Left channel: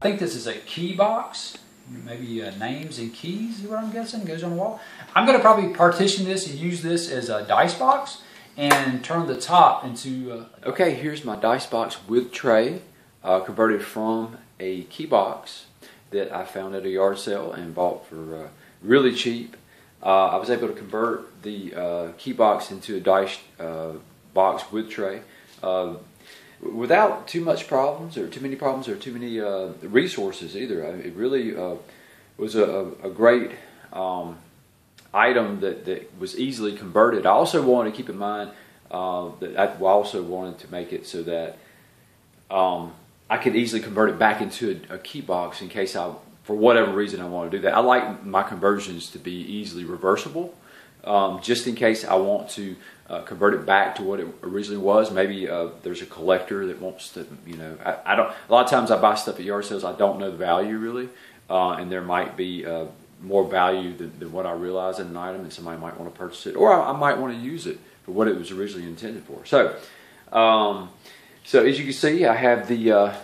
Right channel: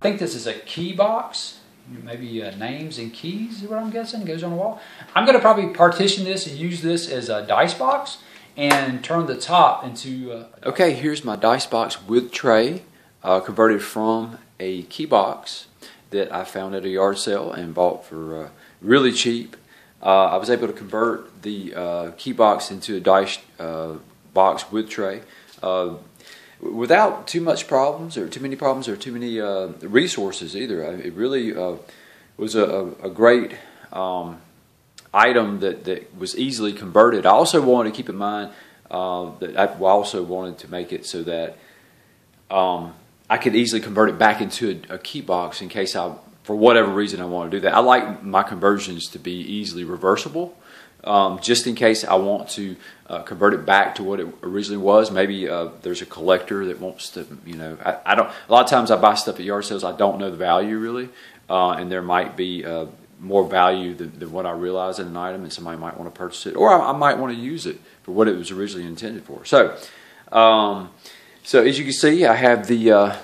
I think this is a key box, maybe names and keys is what I'm guessing, goes on the wall. I'm going to probably partition this and use this as a dice box and turn the top into... Okay, here's my dice box with tray, converted from a key box that I found at a yard sale and bought for really cheap. I was able to convert the key box into a dice box with tray without too much problems or too many problems or too many resources either. It really was a great item that was easily converted. I also wanted to keep in mind that I also wanted to make it so that I could easily convert it back into a key box in case for whatever reason I want to do that. I like my conversions to be easily reversible, just in case I want to convert it back to what it originally was. Maybe there's a collector that wants to, I don't. A lot of times I buy stuff at yard sales, I don't know the value really, and there might be more value than what I realize in an item, and somebody might want to purchase it, or I might want to use it for what it was originally intended for. So, so as you can see, I have the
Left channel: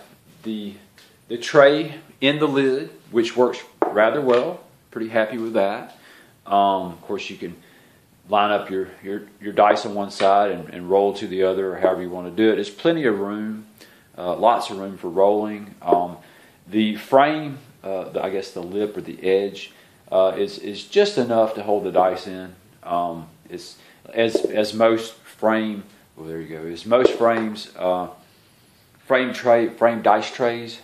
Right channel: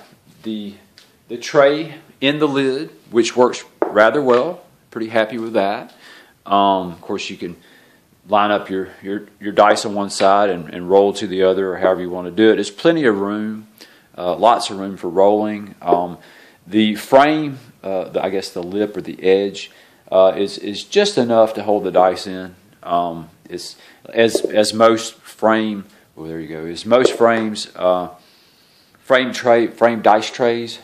tray in the lid, which works rather well. Pretty happy with that. Of course, you can line up your dice on one side and roll to the other, or however you want to do it. There's plenty of room, lots of room for rolling. The frame, I guess the lip or the edge, is just enough to hold the dice in. It's as most frame. Well, there you go. As most frames, frame dice trays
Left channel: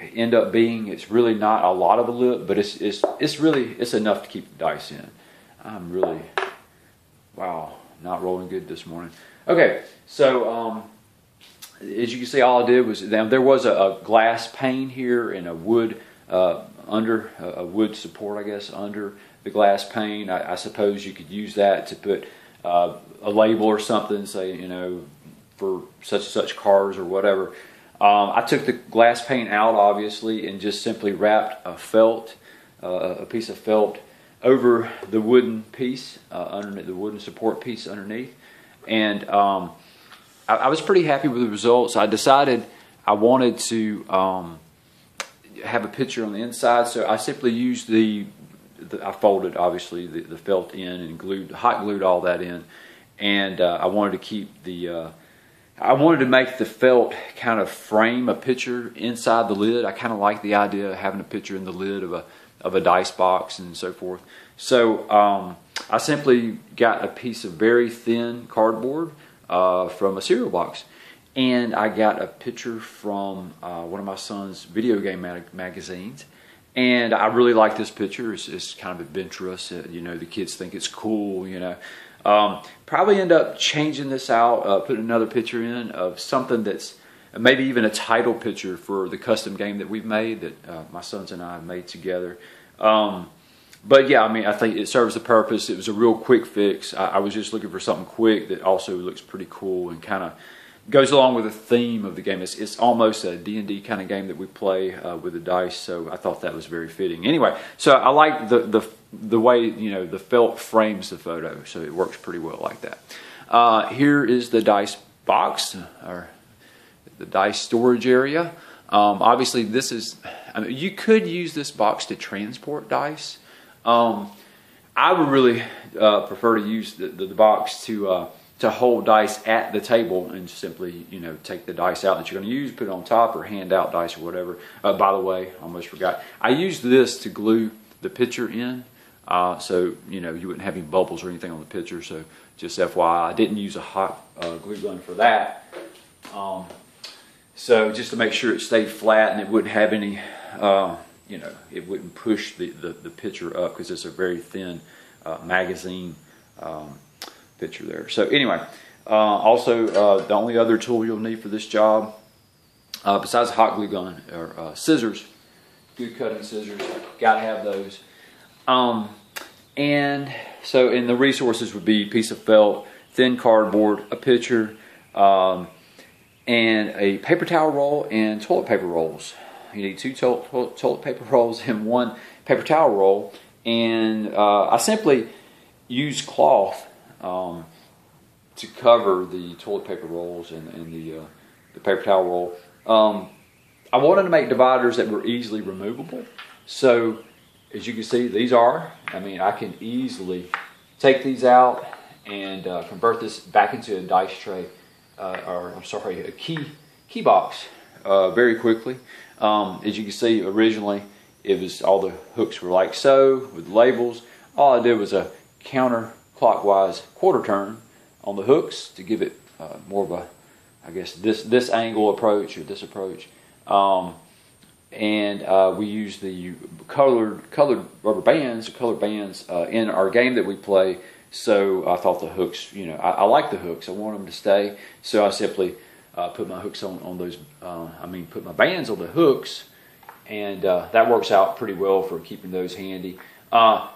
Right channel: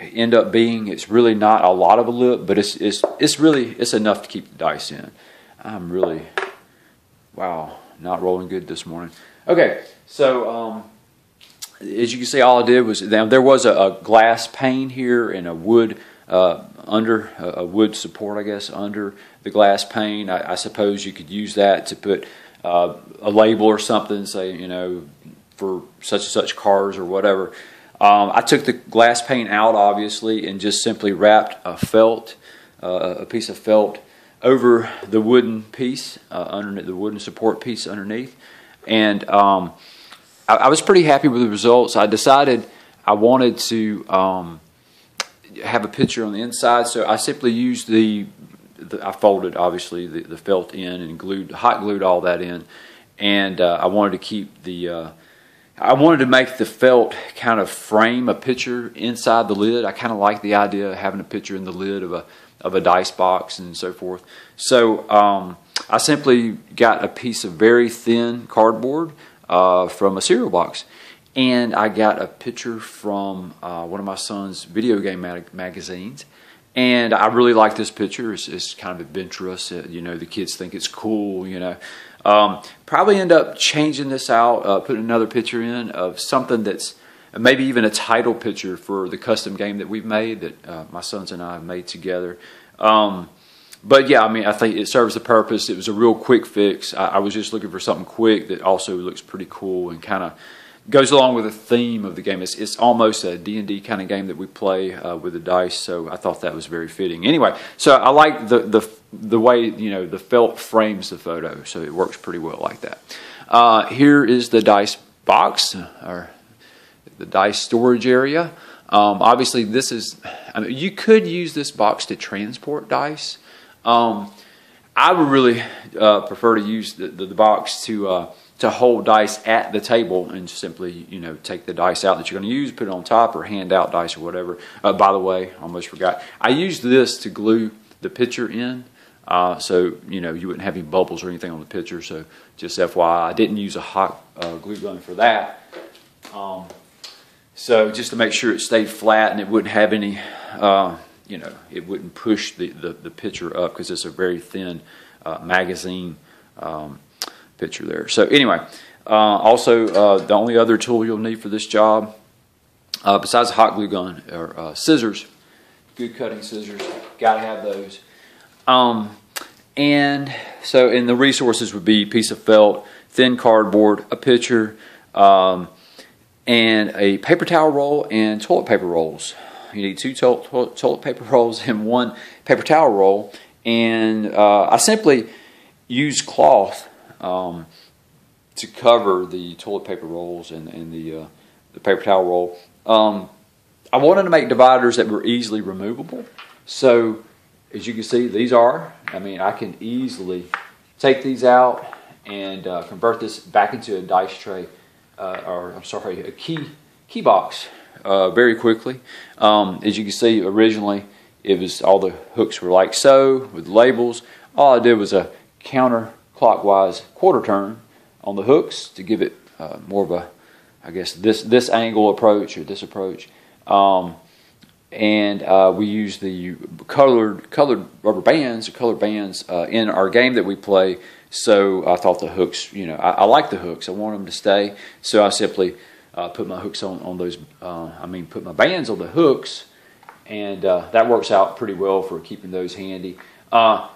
end up being. It's really not a lot of a lip, but it's enough to keep the dice in. I'm really, wow, not rolling good this morning. Okay, so as you can see, all I did was there was a glass pane here and a wood under a wood support, I guess, under the glass pane. I suppose you could use that to put a label or something, say, for such and such cars or whatever. I took the glass pane out, obviously, and just simply wrapped a piece of felt over the wooden piece, underneath the wooden support piece underneath. And I was pretty happy with the results. I decided I wanted to have a picture on the inside, so I simply used I folded, obviously, the felt in and hot glued all that in. And I wanted to keep I wanted to make the felt kind of frame a picture inside the lid. I kind of like the idea of having a picture in the lid of a dice box and so forth. So I simply got a piece of very thin cardboard from a cereal box, and I got a picture from one of my son's video game magazines. And I really like this picture. It's kind of adventurous. The kids think it's cool. Probably end up changing this out, putting another picture in of something that's maybe even a title picture for the custom game that we've made, that my sons and I have made together. But yeah, I think it serves the purpose. It was a real quick fix. I was just looking for something quick that also looks pretty cool and kind of goes along with the theme of the game. It's almost a D&D kind of game that we play with the dice, so I thought that was very fitting. Anyway, so I like the way the felt frames the photo, so it works pretty well like that. Here is the dice box, or the dice storage area. Obviously, this is. You could use this box to transport dice. I would really prefer to use the box to hold dice at the table and simply, take the dice out that you're going to use, put it on top, or hand out dice or whatever. By the way, almost forgot. I used this to glue the picture in, so you wouldn't have any bubbles or anything on the picture. So just FYI, I didn't use a hot glue gun for that. So just to make sure it stayed flat and it wouldn't have any, it wouldn't push the picture up, because it's a very thin magazine picture there. So anyway, also the only other tool you'll need for this job, besides a hot glue gun, are scissors. Good cutting scissors, gotta have those. And the resources would be a piece of felt, thin cardboard, a pitcher, and a paper towel roll and toilet paper rolls. You need 2 toilet paper rolls and 1 paper towel roll. And I simply use cloth to cover the toilet paper rolls and the paper towel roll. I wanted to make dividers that were easily removable. So as you can see, these are. I mean, I can easily take these out and convert this back into a dice tray, or I'm sorry, a key box very quickly. As you can see, originally it was all the hooks were like so with labels. All I did was a counterclockwise quarter turn on the hooks to give it more of a, I guess, this angle approach or this approach. We use the colored rubber bands or colored bands in our game that we play. So I thought the hooks, you know, I like the hooks. I want them to stay. So I simply put my hooks on those. Put my bands on the hooks, and that works out pretty well for keeping those handy. I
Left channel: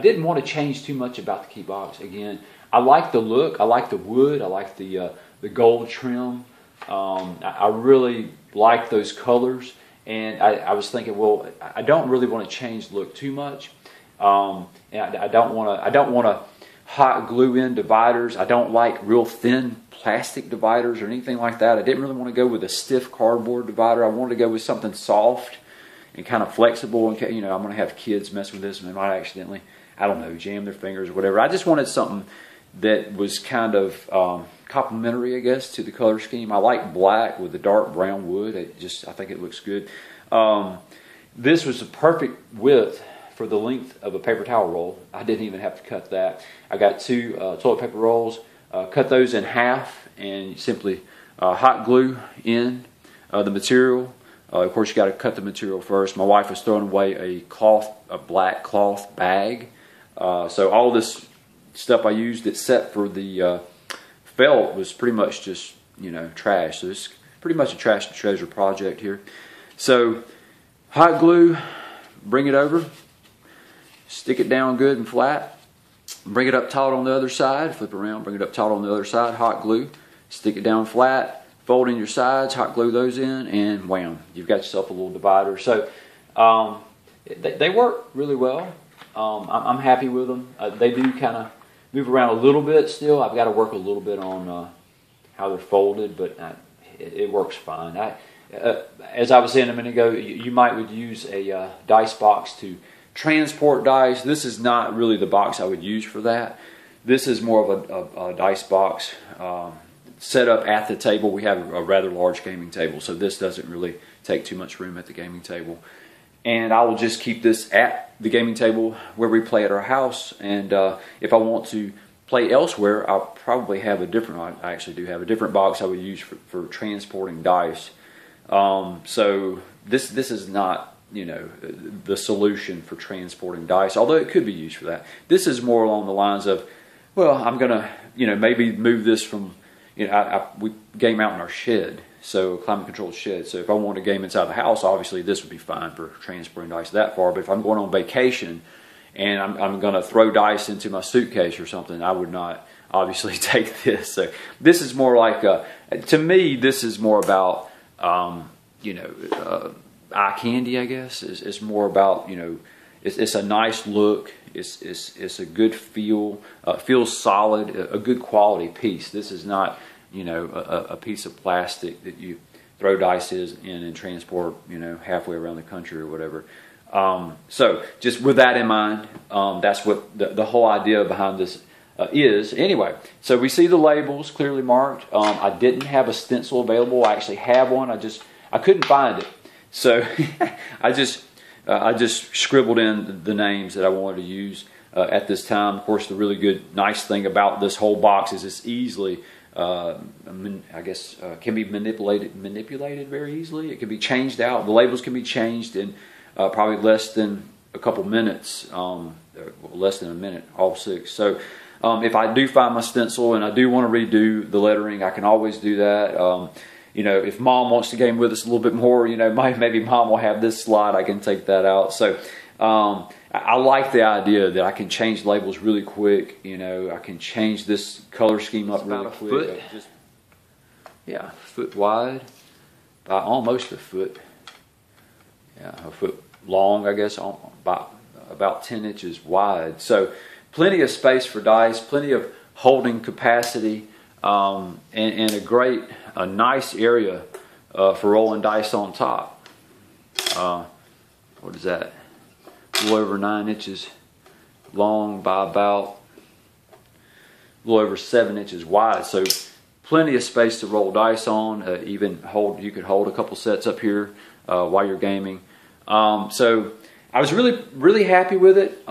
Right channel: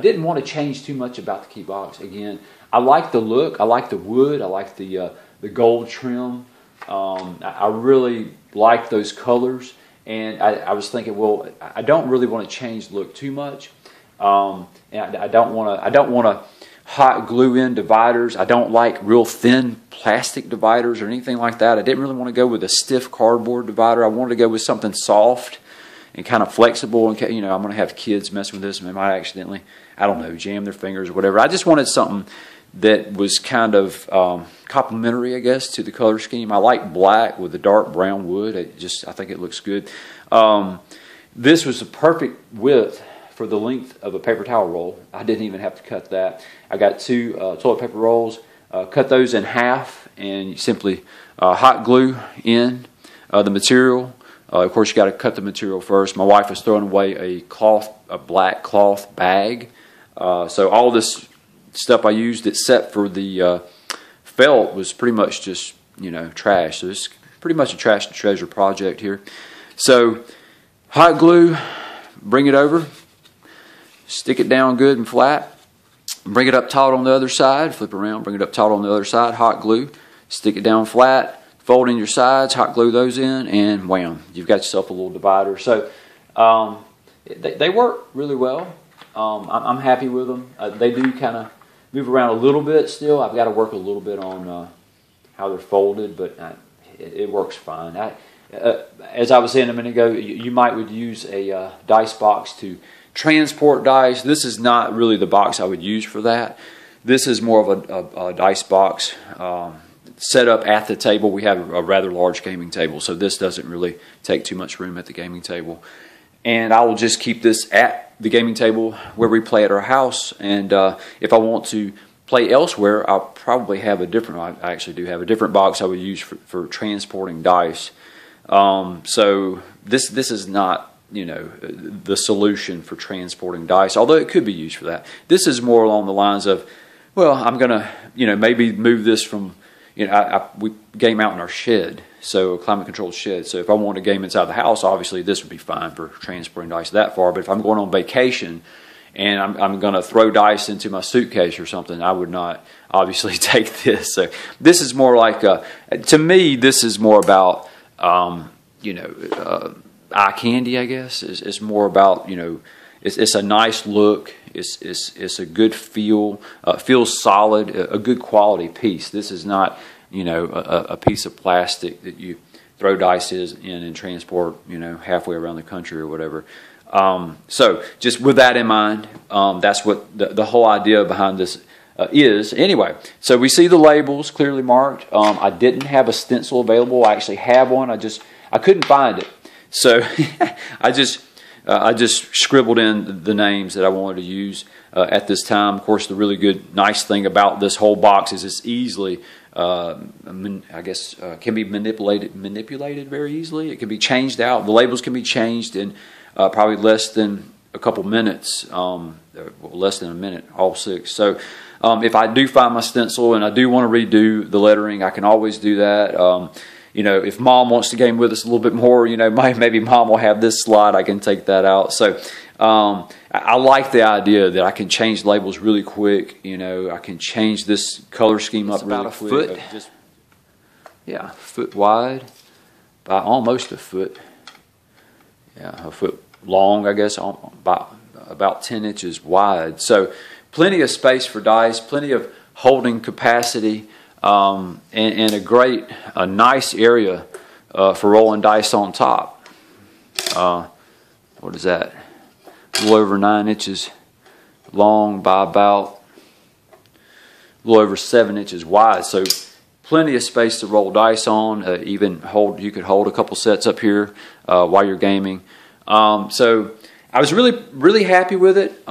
didn't want to change too much about the key box. Again, I like the look. I like the wood. I like the gold trim. I really like those colors, and I was thinking, well, I don't really want to change the look too much. And I don't want to hot glue in dividers. I don't like real thin plastic dividers or anything like that. I didn't really want to go with a stiff cardboard divider. I wanted to go with something soft and kind of flexible. And you know, I'm going to have kids mess with this, and they might accidentally, I don't know, jam their fingers or whatever. I just wanted something that was kind of complementary, I guess, to the color scheme. I like black with the dark brown wood. I think it looks good. This was the perfect width for the length of a paper towel roll. I didn't even have to cut that. I got 2 toilet paper rolls, cut those in half, and you simply hot glue in the material. Of course, you got to cut the material first. My wife was throwing away a black cloth bag. So all this stuff I used except for the felt was pretty much just, you know, trash. So it's pretty much a trash and treasure project here. So hot glue, bring it over, stick it down good and flat, bring it up taut on the other side, flip around, bring it up taut on the other side, hot glue, stick it down flat, fold in your sides, hot glue those in, and wham, you've got yourself a little divider. So they work really well. I'm happy with them. They do kind of move around a little bit still. I've got to work a little bit on how they're folded, but it works fine. As I was saying a minute ago, you might would use a dice box to transport dice. This is not really the box I would use for that. This is more of a dice box set up at the table. We have a rather large gaming table, so this doesn't really take too much room at the gaming table. And I will just keep this at the gaming table where we play at our house. And if I want to play elsewhere, I'll probably have a different, I actually do have a different box I would use for transporting dice. So this is not, you know, the solution for transporting dice, although it could be used for that. This is more along the lines of, well, I'm going to, you know, maybe move this from, you know, we game out in our shed. So climate controlled shed. So if I want a game inside the house, obviously this would be fine for transporting dice that far. But if I'm going on vacation and I'm going to throw dice into my suitcase or something, I would not obviously take this. So this is more like, to me, this is more about, you know, eye candy, I guess. It's more about, you know, it's a nice look. It's a good feel. Feels solid. A good quality piece. This is not, you know, a piece of plastic that you throw dice in and transport, you know, halfway around the country or whatever. So just with that in mind, that's what the whole idea behind this is. Anyway, so we see the labels clearly marked. I didn't have a stencil available. I actually have one. I couldn't find it. So I just scribbled in the names that I wanted to use at this time. Of course, the really good, nice thing about this whole box is it's easily, I guess, can be manipulated very easily. It can be changed out. The labels can be changed in probably less than a couple minutes, less than a minute, all 6. So if I do find my stencil and I do want to redo the lettering, I can always do that. You know, if Mom wants to game with us a little bit more, you know, maybe Mom will have this slide. I can take that out. So I like the idea that I can change labels really quick. You know, I can change this color scheme up really quick. Yeah, a foot wide by almost a foot. Yeah, a foot long, I guess, about 10 inches wide. So plenty of space for dice, plenty of holding capacity. And a nice area for rolling dice on top. What is that? A little over 9 inches long by about a little over 7 inches wide. So plenty of space to roll dice on. You could hold a couple sets up here while you're gaming. So I was really happy with it.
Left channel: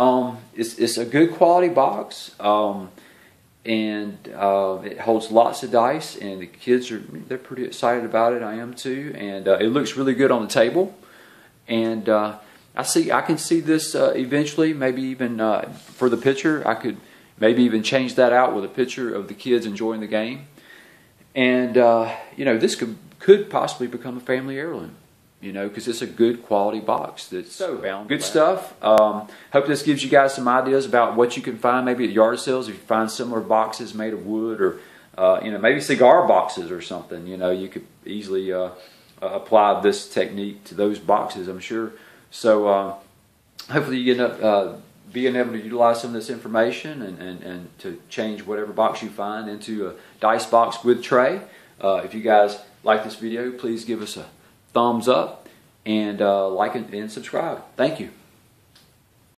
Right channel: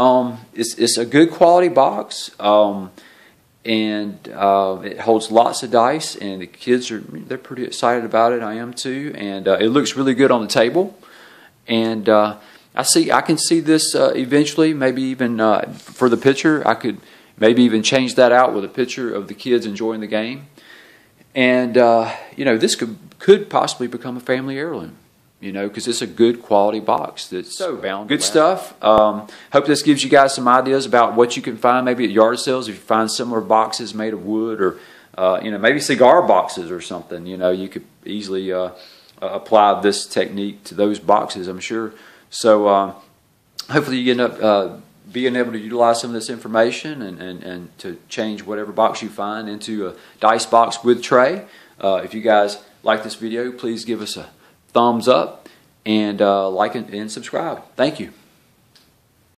It's a good quality box, and it holds lots of dice, and the kids they're pretty excited about it. I am too, and it looks really good on the table. And I can see this eventually, maybe even for the picture. I could maybe even change that out with a picture of the kids enjoying the game. And this could possibly become a family heirloom. Because it's a good quality box that's so bound. Good stuff. Hope this gives you guys some ideas about what you can find maybe at yard sales. If you find similar boxes made of wood, or maybe cigar boxes or something, you could easily apply this technique to those boxes, I'm sure. So hopefully you end up being able to utilize some of this information and to change whatever box you find into a dice box with tray. If you guys like this video, please give us a thumbs up and like and subscribe. Thank you.